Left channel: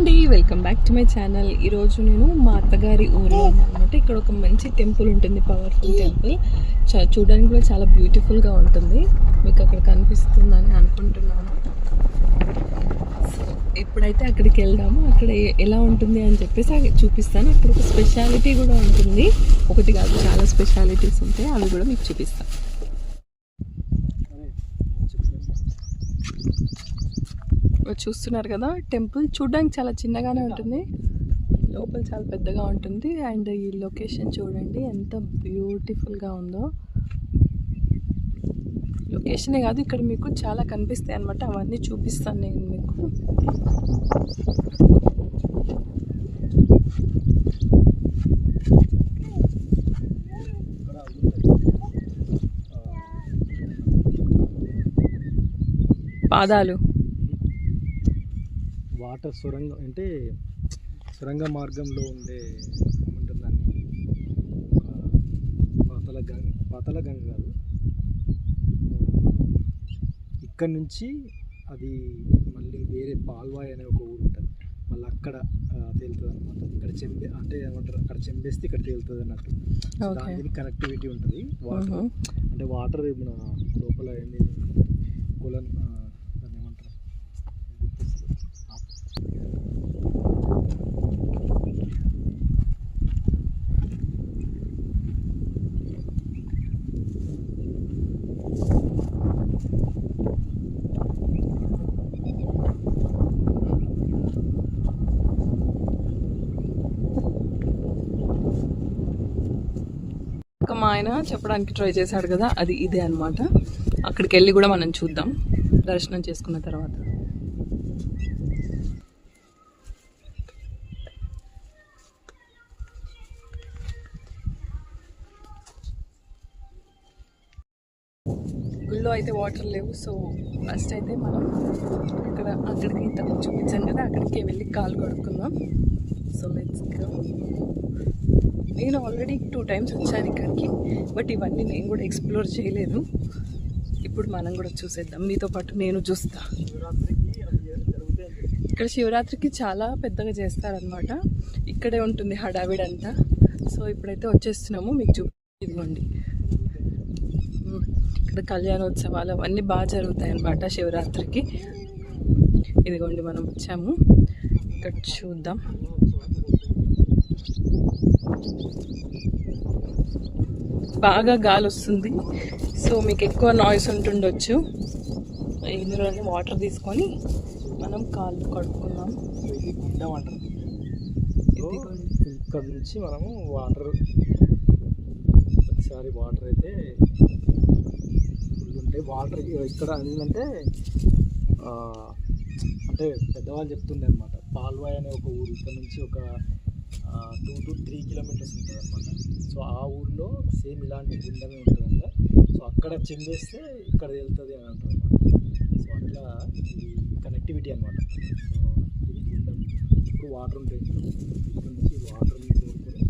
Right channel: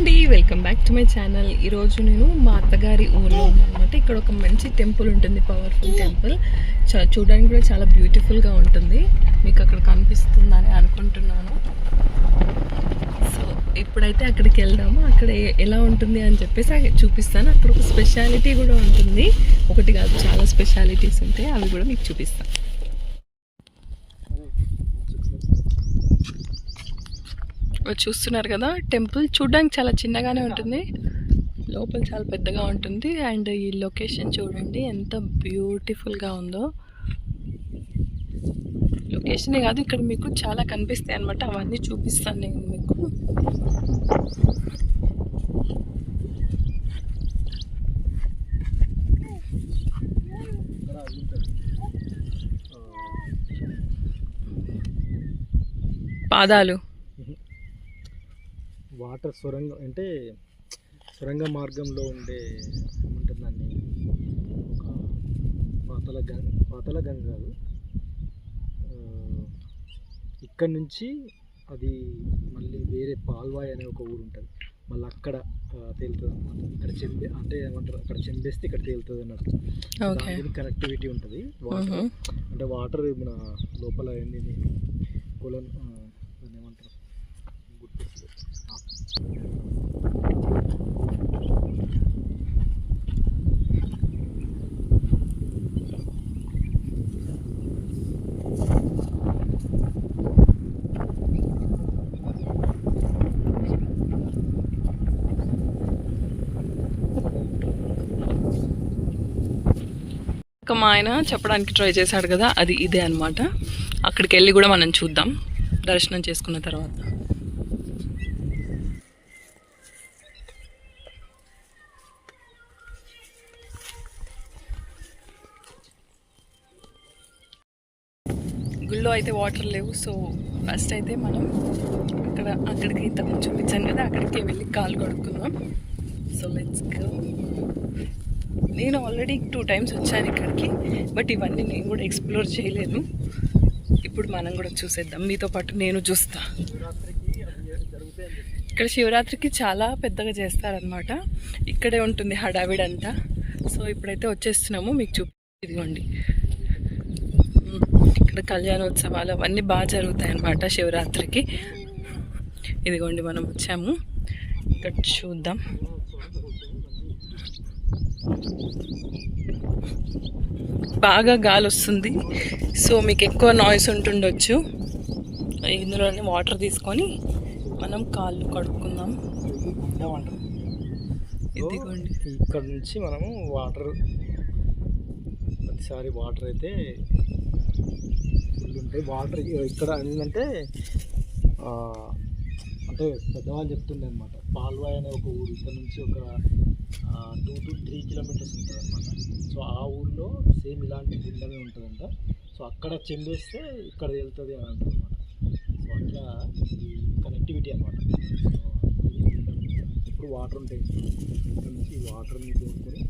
అండి, welcome back to my channel. ఈరోజు నేను మా అత్తగారి ఊర్లో ఉన్నానమాట. ఇక్కడ ఒక మంచి టెంపుల్ ఉంటుంది, పవర్ఫుల్ టెంపుల్. చూడడానికి కూడా చాలా బ్యూటిఫుల్గా ఉంటుంది. మీకు అక్కడ కనిపిస్తుందని అనుకుంటున్నాను. సో ఇప్పుడైతే అక్కడికి వెళ్దాము. అక్కడ ఎలా ఉంటుంది అని చెప్పేసి చూపిస్తాను. అక్కడ ఒక స్పెషాలిటీ కూడా ఉంటుంది, ఒకటి కాదు చాలా స్పెషాలిటీస్ ఉంటాయి, అవి కూడా మీకు చూపిస్తాను. చూస్తున్నారు కదా, టెంపుల్ చూడడానికి చాలా చిన్నగానే ఉంటుంది, లోపల చాలా పెద్దగా ఉంటుంది. అండ్ ఈ లొకేషన్ చూడండి ఎంత బ్యూటిఫుల్గా ఉందో. లొకేషనే కాదు, ఇక్కడ మీకు చాలా కనిపిస్తాయి అన్నమాట, అవన్నీ చూపిస్తాను నేను మీకు. పాదాలు వాటర్ సొరంగం అంటే సొరంగ మార్గంలో ఉండే ఏముంటుందండి, పాతల గంగ కాదు, ఇక్కడ నుంచి అది మళ్ళీ వేరే పాల్వాయి అనే ఒక ఊరు ఉంటుంది, మళ్ళీ అక్కడ తేలుతుంది అనమాట. ఇక్కడ అంటే ఏమంటారు, అక్కడ చెంబేస్తే ఇక్కడ తేలుతుంది అన్నట్టు. దానికి కనెక్టివిటీ ఉంటుంది వాటర్. అంటే వాటర్ మన లోపల ఏంది కొలన్ దాన్ని ఏమంటారు మా ఆయన చెప్పడానికి ట్రై చేశాడు కదా, అది ఇదే అనమాట. అక్కడికి వెళ్ళి కూడా మనం చూద్దాం దర్శనం చేసుకున్న తర్వాత. గుళ్ళో అయితే వాటర్ లేవు. సో ఫస్ట్ అయితే మనం అక్కడికి ఇంతకు చూపించాను కదా, అక్కడికి వెళ్ళి కాలు కడుక్కుందాం. So let's go. నేను ఆల్రెడీ 2 times వచ్చాను ఇక్కడికి, బట్ ఇవన్నీ నేను కూడా ఎక్స్ప్లోర్ చేయలేదు. ఇప్పుడు మనం కూడా చూసేద్దాం, మీతో పాటు నేను చూస్తా. ఇక్కడ శివరాత్రికి చాలా పెద్దగా చేస్తారనమాట, ఇక్కడే ఉంటుంది హడావిడంతా. సో ఇప్పుడైతే వచ్చేస్తున్నాము, మీకు ఇదిగోండి ఇక్కడ కళ్యాణోత్సవాలు అవన్నీ బాగా జరుగుతాయి అన్నమాట శివరాత్రికి. ఇదిగోండి మనం వచ్చాము, ఇక్కడ చూద్దాం. బాగా గాలి వస్తుంది, సో మీకు ఎక్కువ నాయిస్ ఉంటుండొచ్చు. ఇందులోనే వాటర్ తీసుకొని మనం కాళ్ళు కడుక్కుందాం. ఇదిగోండి ఇక్కడ నుంచి మనము ప్రతిసారి వాటర్ అయితే ఉంటాయి. వాటర్ ఇక్కడ ఏంటంటే అంటే పెద్దవాళ్ళు చెప్తుండే అనమాట, పాల్వాయి అనే ఒక ఊరు ఇక్కడ నుంచి ఒక 2 to 3 kilometers ఉంటుంది అనమాట. సో ఆ ఊళ్ళో సేమ్ ఇలాంటి గుండమే ఉంటుందంట. సో అక్కడ చెందేస్తే ఇక్కడ వెళ్తుంది అని అంటారు అనమాట. సో అట్లా కనెక్టివిటీ అనమాట. సో ఇది గుండం, ఇప్పుడు వాటర్ ఉంటాయి, ఇక్కడ నుంచి వాటర్ని తోడుకొని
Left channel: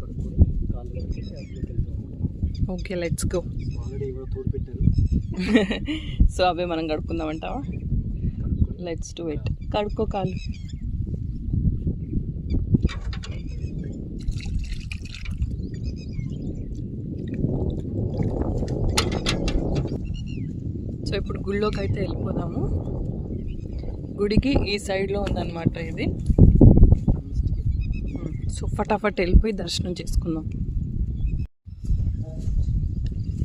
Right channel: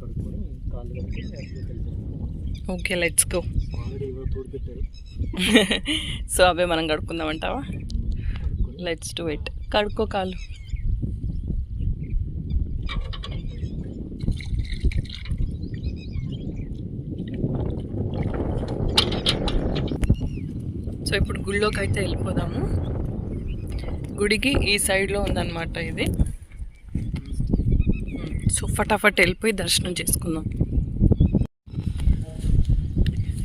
కడుక్కొని కాళ్ళు కట్టుకొని అట్లకి వెళ్తాం అనమాట. Okay, let's go. ఆల్రెడీ ఎవరో తోడు పెట్టారు. సో అవే మనం కడుక్కుందామంటావా? Let's do it. కడుక్కో కాళ్ళు. సో ఇప్పుడు గుళ్ళోకి అయితే వెళ్ళిపోదాము. గుడికి ఈ సైడ్లో ఉందన్నమాట ఇది. సో ఫటాఫట్ వెళ్ళిపోయి దర్శనం చేసుకుందాం.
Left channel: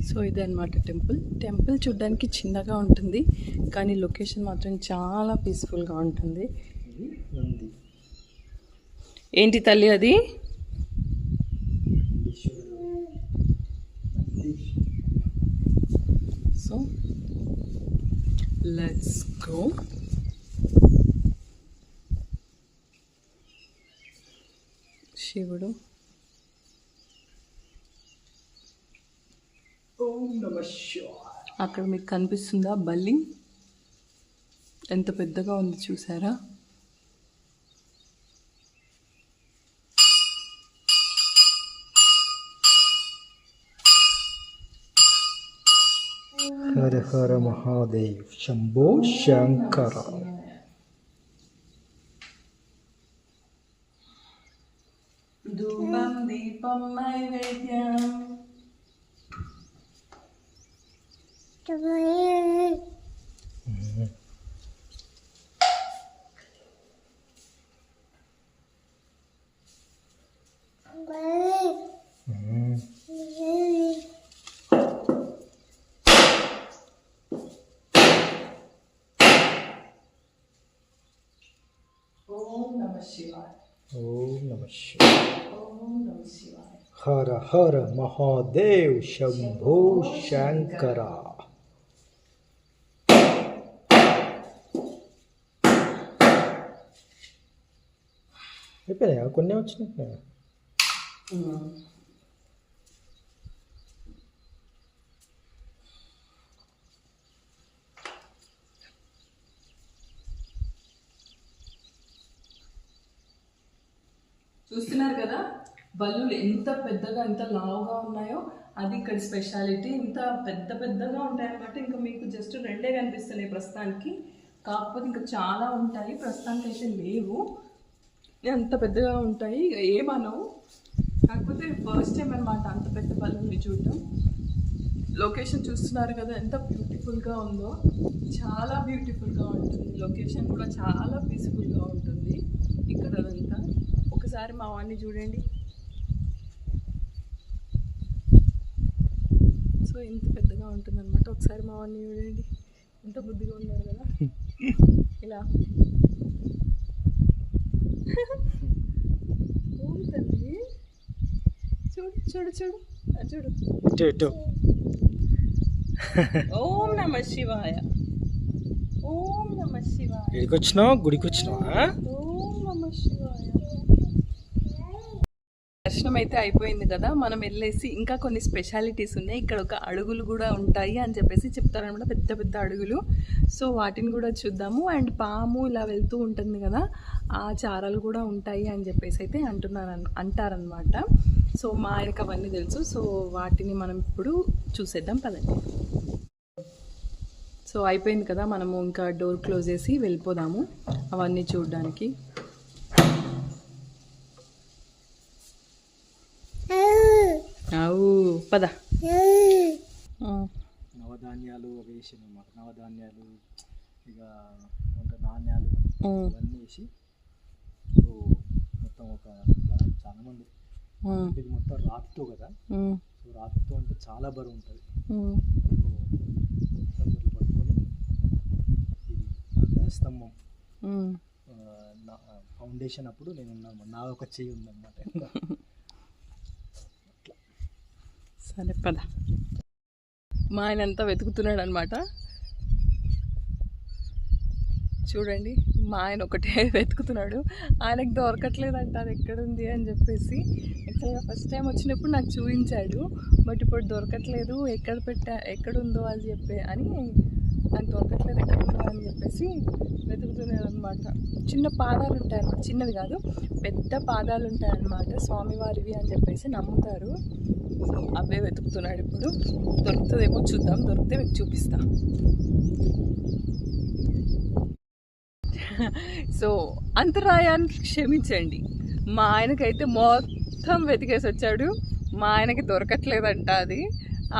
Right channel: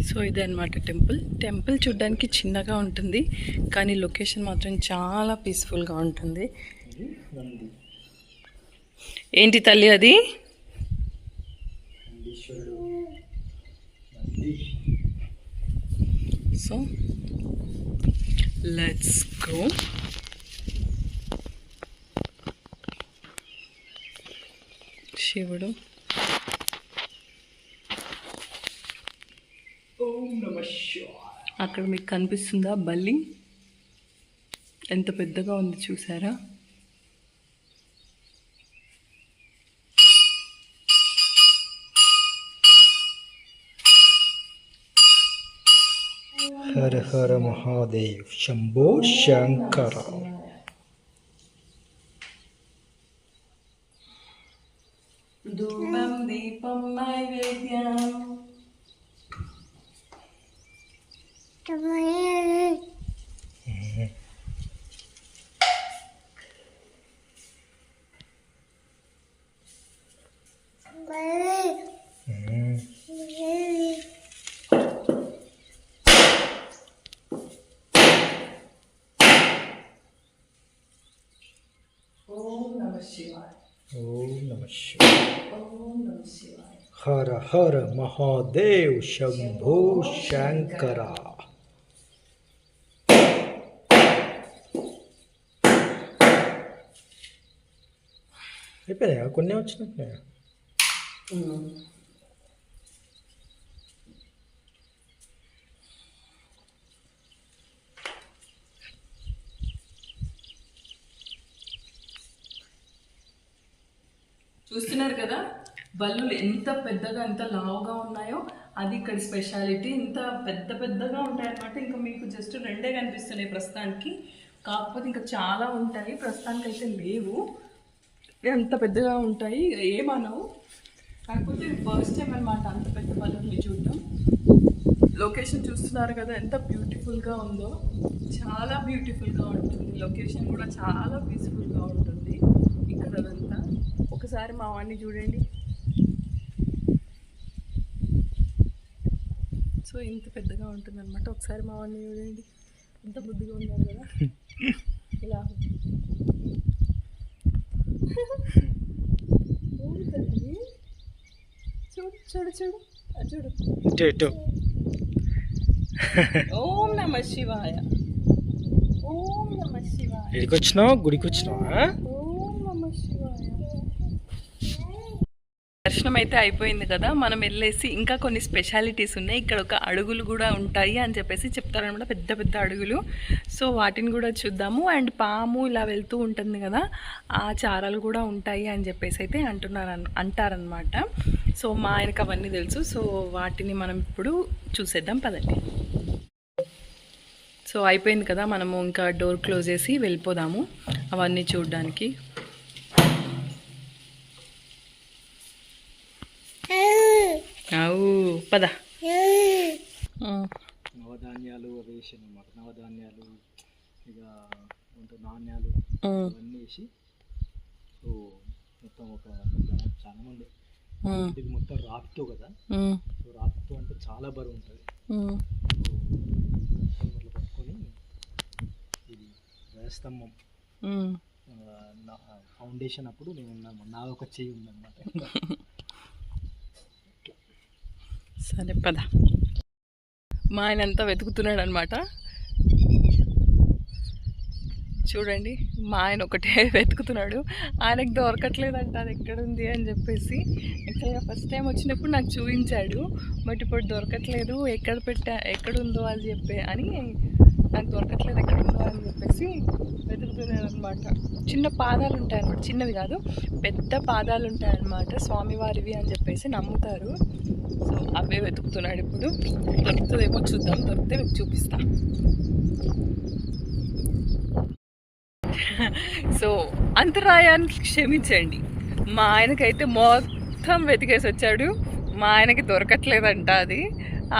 సో ఇదే అనమాట టెంపుల్ చూడడానికి చిన్నగా ఉంటుంది, కానీ లొకేషన్ మాత్రం చాలా పీస్ఫుల్గా ఉంటుంది. ఏంటి తల్లి అది? So let's go. శివుడు, అక్కడ మీకు కనిపిస్తుందా బల్లి? ఎంత పెద్దగా ఉంది చూసారా? हर हर महादेव शंभो शंकर। ధూపం దీపం నైవేద్యం. ఓం నమః శివాయ. ఓం నమః శివాయ. ఓం నమః శివాయ. హర హర మహాదేవ్ శంభో శంకర. అయిపోయాయా? కొన్ని వచ్చినట్టున్నాయా? చూస్తున్నారు కదా బల్లులు ఎంత పెద్దగా ఎంత లావుగా ఉన్నాయో, అది ఇక్కడ స్పెషాలిటీ. ఇంత పెద్ద పెద్దగా ఉంటాయి అన్నమాట. ఇంకా మీకు జస్ట్ 2 కనిపిస్తున్నాయి ప్రస్తుతానికి, కాకపోతే ఇంకా చాలా ఉంటాయి. ప్రస్తుతానికి అయితే లేవు, ఎంత పెద్దగా ఉంటాయి ఏమనవు. కాకపోతే ఫస్ట్ టైం అనమాట అంత పెద్ద బల్లుని చూడడం. లొకేషన్ చూస్తున్నారు కదా ఎంత బ్యూటిఫుల్గా ఉందో, చాలా బ్యూటిఫుల్గా ఉంటుంది. లొకేషన్ కూడా చాలా పీస్ఫుల్గా ఉంటుంది ఇక్కడ అదంతా. ఒకసారి మా వాడిని చూడండి. సో ఇంత పెద్దగా ఉంటుంది అనమాట. ఒకసారి మా వాడిని చూడండి, ఎంత బుద్ధిగా ఉన్నారు కదా ఇలా. తల్లి చూడు చూడు చూడు చూడు. ఇటు ఓం నమః శివాయ. ఓం నమః శివాయ. ఎక్కడికి వచ్చినావు? గుడికి వచ్చినావా? ఓం నమః శివాయ. దర్శనం అయితే అయిపోయింది కదా, మనం వెళ్ళేసి ఇంకా కొన్ని స్పెషాలిటీస్ ఉన్నాయి. ఇక్కడ ఒక అడుగులు కూడా ఉంటాయి అని చెప్పేసి చెప్తారనమాట, పెద్ద పెద్ద అడుగులు. సో వాటిని కూడా చూద్దాము. అండ్ పాము ఇలా వెళ్తూ ఉంటుంది కదా, ఆ చారాలు కూడా ఉంటాయి అని చెప్పేసి అయితే అంటారనమాట. సో మా ఆయనకు అవన్నీ తెలుసు. సో వాటిని మనం ఇప్పుడు చూసేద్దాం పదండి. సో అయిపోయింది కదా, మనము ఇంకా డోర్ క్లోజ్ చేసి వెళ్ళిపోదాము అవన్నీ చూడడానికి. అవు పద. నవధాన్యాలు వేసాను అన్నమాట. నవధాన్యాలు ఇక నాణ్యాలు అవన్నీ వేసి, సో మొత్తం ఒక చాలా మంది ఇది మొత్తం రాతితో కదా, సో రాతితో అంటే చాలా బరువు ఉంటుంది. ఇట్లా పట్టుకొని ఇది వేస్తాము. ఫౌండేషన్ అప్పుడు నేను ఉన్నాను, నా ఒక చెయ్యి ఉందన్నమాట. సరే పద. మా ఆయన అంతా వెతుకుతున్నాడు అనమాట. చూడండి, మా ఆయన ఒకటే వెతుకుతున్నాడు. ఆయనకు దొరకట్లేదంట అది ఎక్కడుంది అని చెప్పేసి. యాక్చువల్గా ఫస్ట్ టైం వచ్చినప్పుడు నాకు చూపించాడు, బట్ ఇప్పుడు దొరకట్లేదు, ఎక్కడుందో అని నాకు దొరకట్లేదు ఎక్కడుందో అని చెప్పేసి వెతుకుతున్నాడు అనమాట. చిన్న పాదాలు ఉంటాయన్నమాట, చిన్నవి కాదు పెద్ద పాదాలు ఉంటాయన్నమాట, స్వామివారివి అని చెప్పేసి నమ్ముతారు. సో అవే వెతుకుతున్నాడు. ఇప్పుడు దొరుకుతుందేమో చూద్దాం, దొరికితే మీకు చూపిస్తా. సో అంతరాయాన్ని క్షమించండి, మా ఆయనకైతే మొత్తం వెతికేసి వచ్చాడు. మా ఆయనకి దొరకట్లేదంట అది.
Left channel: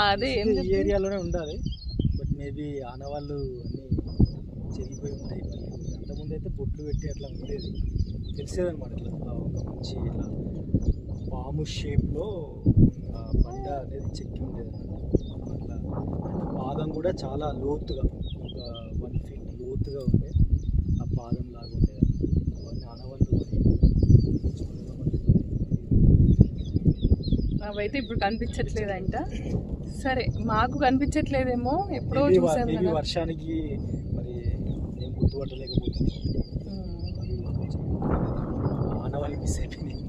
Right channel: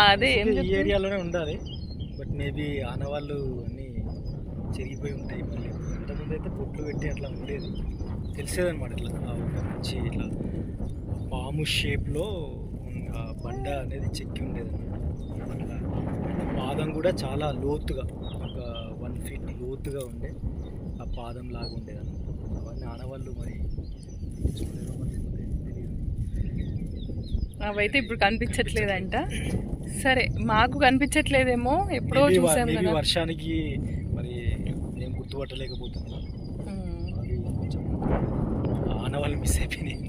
అదే ఈ ఏరియాలోనే ఉండాలి, బట్ మేబీ ఆనవాళ్ళు అన్నీ చెరిగిపోయి ఉంటాయి. ఇంతకుముందు అయితే బొట్లు పెట్టి అట్లా ఉండేది, తెలిసేదన్నమాట. ఇట్లా మంచి ఇట్లా పాము షేప్లో బండ అనేది చెక్కి ఉండేదన్నమాట. అట్లా పాదం కూడా చాలా లోతుగా, ఒక 1 feet లోతుగా ఉండే ఆ పాదం లాగా ఉండేదన్నమాట. అవన్నీ ఆనవాళ్ళు మరి అవైతే ఇప్పుడు కనిపించట్లేదంట. సరే మాకు కనిపించట్లేదేమో, ఎప్పుడో చూసాం కదా. వర్షానికి మరి నేను గుర్తుపట్టలేకపోతున్నాను, ఆనవాళ్ళు మిస్ అయిపోయినాయి.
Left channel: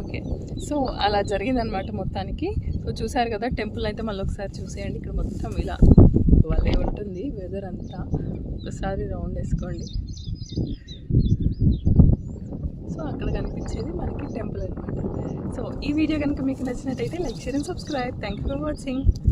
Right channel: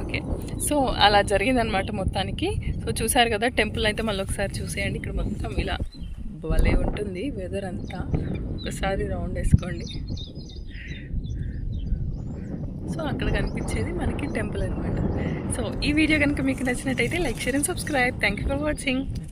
ఓకే, సో అలా జరిగిందనమాట మొత్తానికి. సో చూసారు కదా, టెంపుల్ అయితే మళ్ళీ ఒకసారి చూసేయండి. ఇక్కడ మొత్తం ఇలా భలే ఉంటుంది వెదర్ అంతా. ఒకసారి రౌండ్ వేసుకోండి. సో అక్కడ కనిపించేది మనకి టెంపుల్ అనమాట. సో ఈ వీడియో కనుక మీకు నచ్చినట్టయితే like, share and subscribe. Thank you for watching.